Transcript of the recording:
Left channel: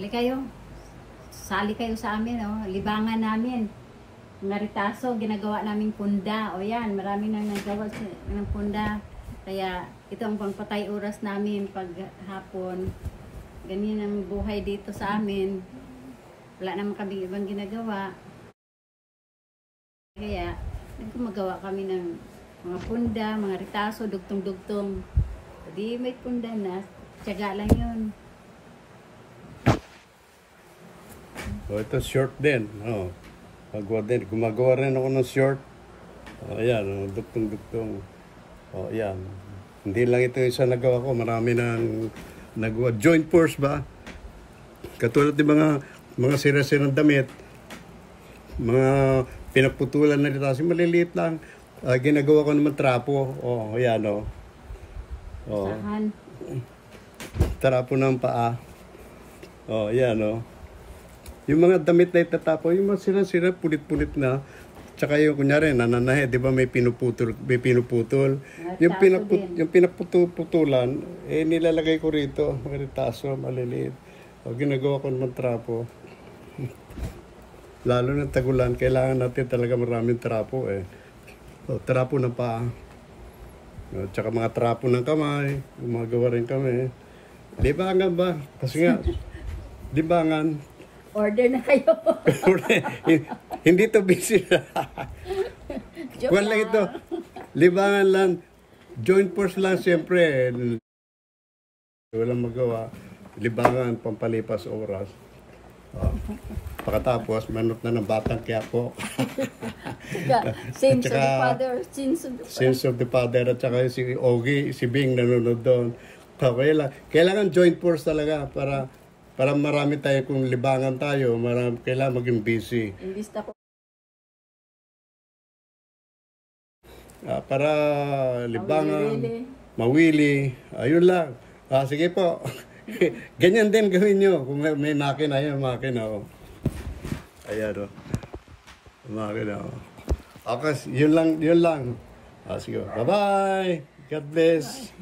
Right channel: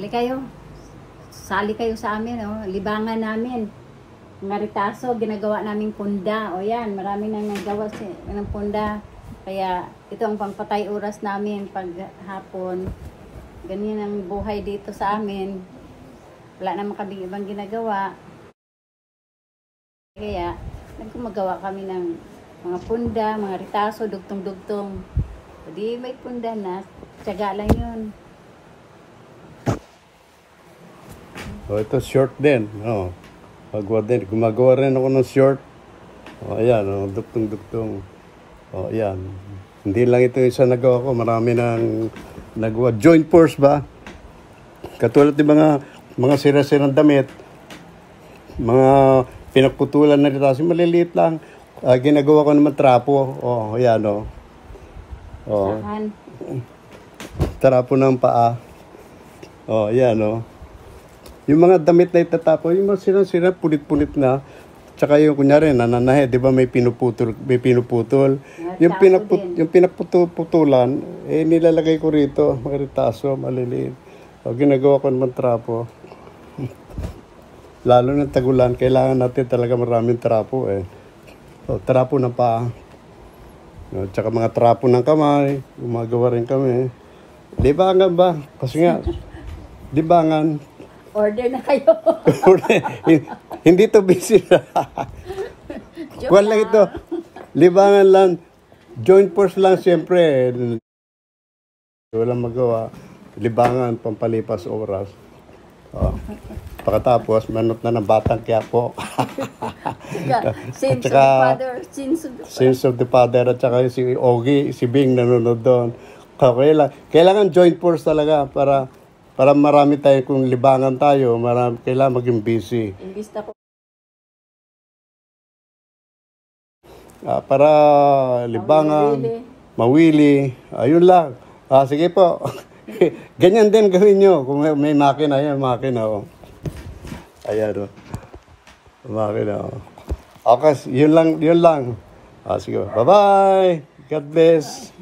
Hali kayo. Sali kayo sa amin, oh. Libangan namin. Mga ritaso, ginagawa naming punda. O yan, marami nang nagawa ng punda. Kaya ito ang pangpatay oras namin pag hapon. Ganyan ang buhay dito sa amin. Wala naman kami ibang ginagawa. Kaya nagkumagawa kami ng mga punda, mga ritaso, dugtong-dugtong. O di may punda na. Tiyaga lang yun. So, ito short din. Oh. Pagwa din. Gumagawa rin ako ng short. O, ayan. Oh, dugtong-dugtong. O, ayan. Hindi lang ito isa nagawa ko. Marami nang nagawa. Joint force ba? Katulad ng mga sira-sirang damit. Mga pinagputulan na rin. Kasi maliliit lang. Ginagawa ko naman trapo. O, ayan o. O. Trapo ng paa. O, ayan o. Yung mga damit na itatapo, yung mga sira-sira, pulit-pulit na. Tsaka yung kunyari, nananahe, di ba may pinuputol. Yung pinagputulan, nilalagay ko rito, mga ritaso, maliliit. O, ginagawa ko naman trapo. Lalo ng tagulan, kailangan natin talaga maraming trapo eh. O, trapo ng paa. O, tsaka mga trapo ng kamay, gumagawa rin kami. Libangan ba? Kasi nga, libangan. Order na kayo. Hindi to busy. Wala ito. Libangan lang. Joint force lang siyempre. Walang magawa. Libangan, pampalipas oras. Oh. Pagkatapos, manot na ng batang Quiapo. Sins of the Father. Sins of the Father. At saka si Ogie, si Bing nanonood doon. Kailangan joint force talaga para marami tayo, kung libangan tayo, kailangan maging busy. Imbista ko. Para libangan, mawili, ayun lang. Sige po. Ganyan din gawin nyo. Kung may makina, ayan, makina. Oh. Ayan, oh. Makina, oh. Okay, yun lang. Sige, bye-bye. God bless.